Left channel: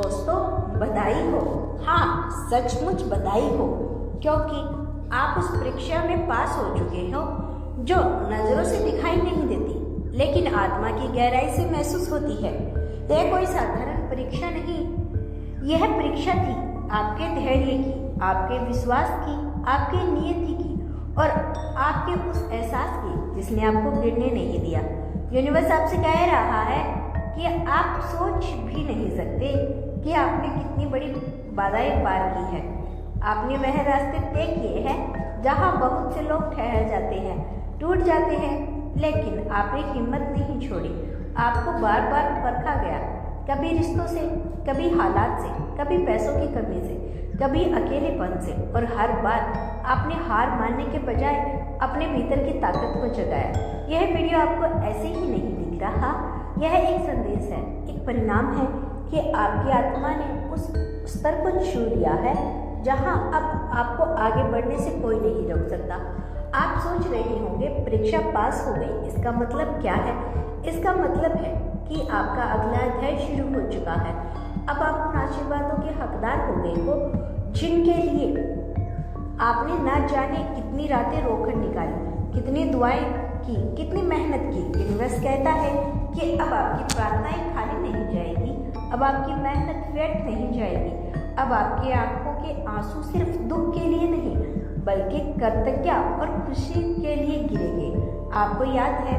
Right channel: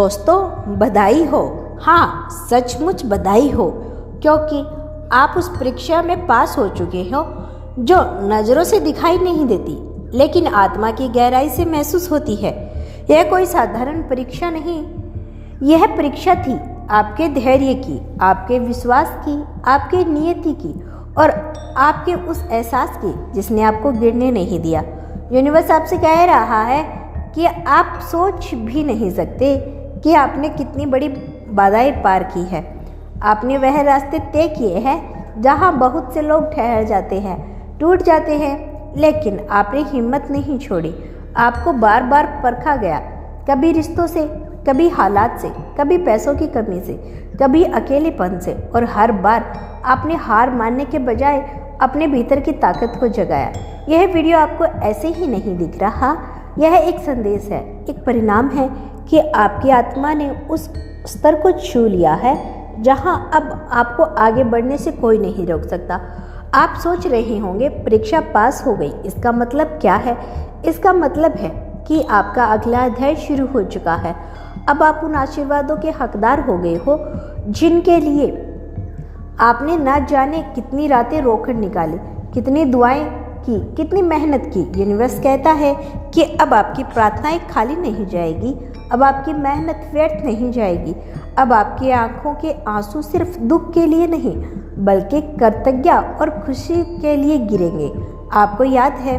दोस्तों बधाई हो, हाँ सचमुच बधाई हो, क्योंकि आप उस परीक्षा में पास हो चुके हो जो नज़रों से दिखाई नहीं देती लेकिन आत्मा की गहराई से महसूस होती है। यह कोई साधारण परीक्षा नहीं, यह परीक्षा थी आपके धैर्य की, आपके विश्वास की, आपके नियति की और आपके उस एहसास की जिसने आपको गिरने नहीं दिया। यूनिवर्स आपसे कह रहा है कि आप सोच भी नहीं सकते कि आपने कितनी बड़ी बाधाएं पार की है। आपने वह रास्ते तय किए हैं जहां बहुत से लोग ठहर जाते हैं, टूट जाते हैं, लेकिन आपने हिम्मत नहीं छोड़ी। आपको बार बार परखा गया, कभी रिश्तों से, कभी हालात से, कभी पैसों की कमी से, कभी अकेलेपन से, और हर बार आपने हार मानने के बजाय अपने भीतर की ताकत को जगाया। यह वीडियो आपको ऐसे ही नहीं दिख रहा, यह एक संदेश है, एक परिणाम है कि आपकी आत्मा ने उस स्तर को छू लिया है जहां अब आपको आगे बढ़ने से कोई नहीं रोक सकता। आप सोच रहे होंगे परीक्षा पास हो गई, इसका मतलब क्या है? इसका मतलब है कि आपका अगला अध्याय शुरू हो चुका है। अब आप उन आशीर्वादों के हकदार हो गए हो जिनके लिए आपने ना जाने कितनी रातें रोकर निकाली, कितनी दुआएं की, कितनी मेहनत की। यूनिवर्स कहता है कि अब आपकी प्रार्थनाएं खाली नहीं जाएगी, अब आपकी मेहनत व्यर्थ नहीं जाएगी, अब आपकी आंखों के आंसू सिर्फ दुख के लिए नहीं बल्कि कृतज्ञता और खुशी के लिए गिरेंगे। आपको याद है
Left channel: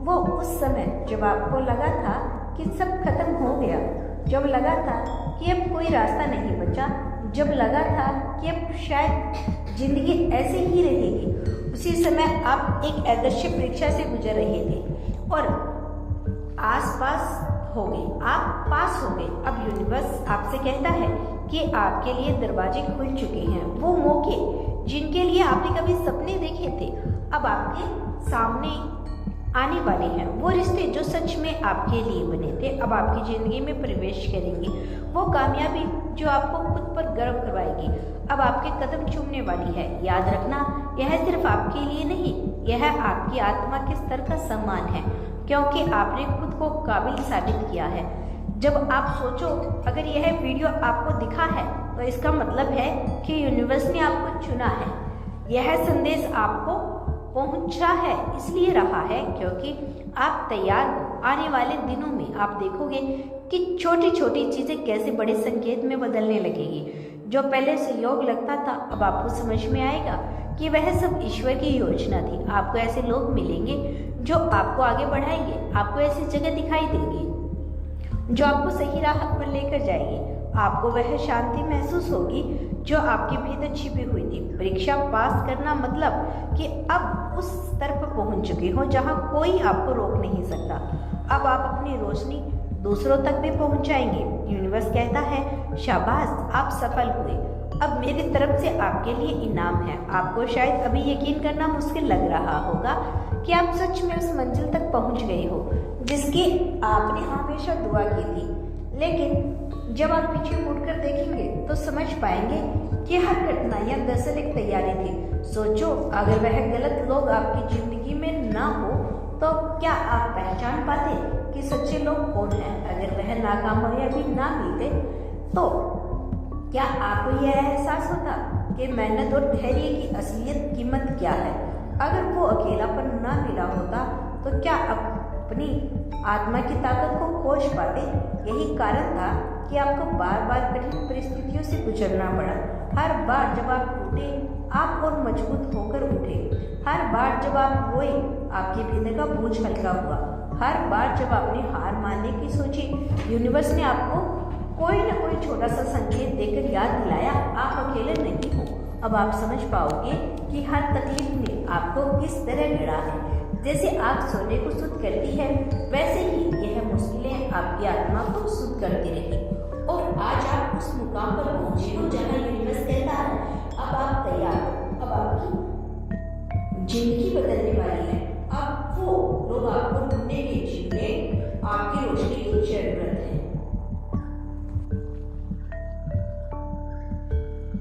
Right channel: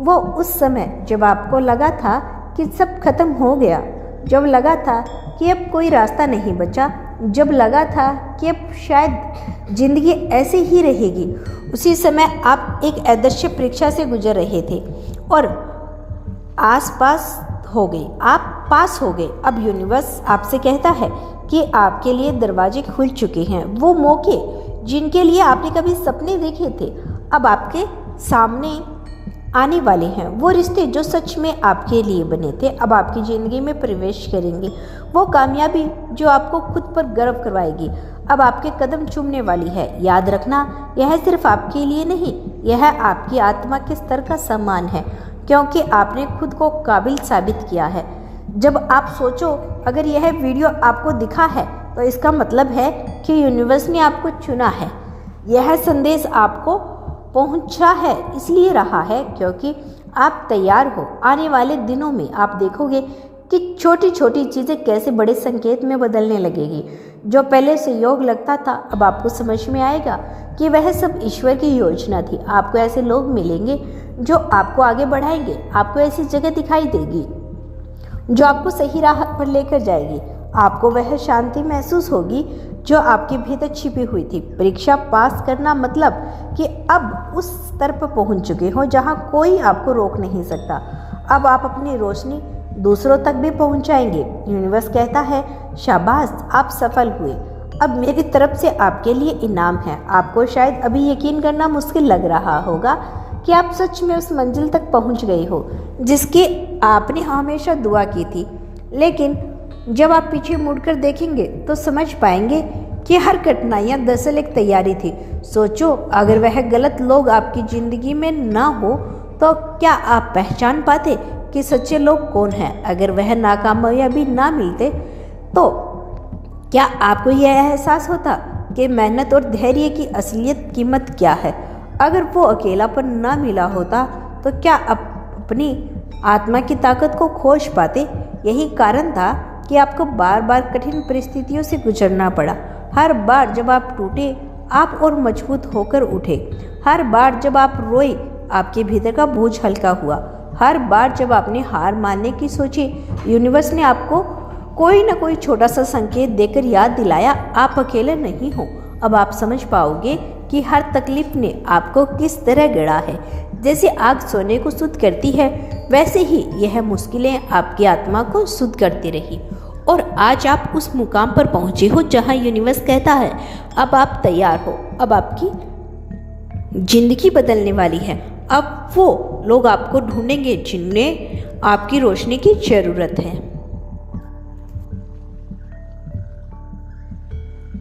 वो उस समय जब आपको लगा था कि सब खत्म हो गया, जब लगा था कि अब कोई रास्ता नहीं बचा, जब लगा था कि अब शायद जिंदगी ऐसे ही रहेगी, उसी समय आप एक आदर्श परीक्षा से गुजर रहे थे और आसपास हो गए, आप पास हो गए। अब यूनिवर्स आपसे कहता है कि आपके लिए दरवाजे खुल चुके हैं। वो मौके जिनके लिए आपने कभी सपने देखे थे अब आपके सामने आने वाले हैं। वो रिश्ते जो सच में आपके लिए बने थे अब आपकी ज़िंदगी में प्रवेश करेंगे। वो कामयाबी जो आपको खुद पर गर्व करवाएगी अब आपके कदम चूमने वाली है। याद रखना, यह सिर्फ आपके लिए नहीं, यह आपकी आत्मा के स्तर का सम्मान है, क्योंकि आपने खुद को काबिल साबित किया है। जब आप सोचो अगर यह वीडियो आपको दिखा है तो इसका मतलब है कि यूनिवर्स ने आपको चुना है। यह संदेश आपको पहुंचा है इसलिए रहा है क्योंकि आप तैयार हो। आने वाले दिनों में आप देखोगे कि छोटी छोटी चीज़ें कैसे बड़े संकेत में बदलने लगेगी। जो पहले संयोग लगता था अब आपको समझ में आएगा कि वह सब ईश्वर की योजना थी। आपको ऐसे लोग मिलेंगे जो आपको आगे बढ़ाएंगे, आपको ऐसी जगह दिखाई देगी जो आपको सही राह पर लेकर जाएगी, आपको वह शांति महसूस होगी जो आपके भीतर छिपी हुई थी। परीक्षा पास करना मतलब कि अब उस स्तर पर पहुंच चुके हो जहां कोई आपको रोक नहीं सकता। अब आप अपनी रोशनी दूसरों तक भी पहुंचाएंगे। यूनिवर्स कहता है शाबाश, आप सफल हुए, अब मेरी तरफ से आपके लिए इनाम है। आपको शायद अभी यकीन करना मुश्किल लग रहा होगा कि आप सच में उस मंजिल तक पहुंच गए हो जिसकी आपने हमेशा दुआ की थी, लेकिन जब आप पीछे मुड़कर देखेंगे तो समझ पाएंगे कि हर कठिनाइयाँ दरअसल एक तैयारी थी। सोचो अगर वह गलत लोग आपकी ज़िंदगी में ना हो तो क्या आप पहचान पाते कि सच्चे लोग कौन हैं? अगर वह नाकामयाबी ना मिलते तो क्या आपको यह एहसास होता कि मेहनत और धैर्य की असलियत कीमत क्या है? अगर वो अकेलापन ना मिला होता तो क्या अपनी आत्मा की ताकत को खोज पाते? यही कारण था कि आपको बार बार कठिन परिस्थितियों से गुजरना पड़ा। हर बार जब आप टूटे आप और मजबूत होकर उठे। हर बार जब आप रोए आपके भीतर का बोझ हल्का हुआ। हर बार जब आपने हार मानने की सोची यूनिवर्स ने आपको कोई ना कोई छोटा सा संकेत देकर याद दिलाया आप अकेले नहीं हो। अब आप समझ पाओगे कि हर तकलीफ ने आपको किस तरह गढ़ा है। जैसे आग सोने को शुद्ध करती है वैसे ही यह मुश्किलें आपकी आत्मा को शुद्ध करती रही और आज आप उस मुकाम पर पहुंचे हो जहां यूनिवर्स कहता है अब आप तैयार हो, अब आपकी जिंदगी बदलने वाली है। अब वो लोग आपको ढूंढेंगे जिन्हें आपकी रोशनी की जरूरत है।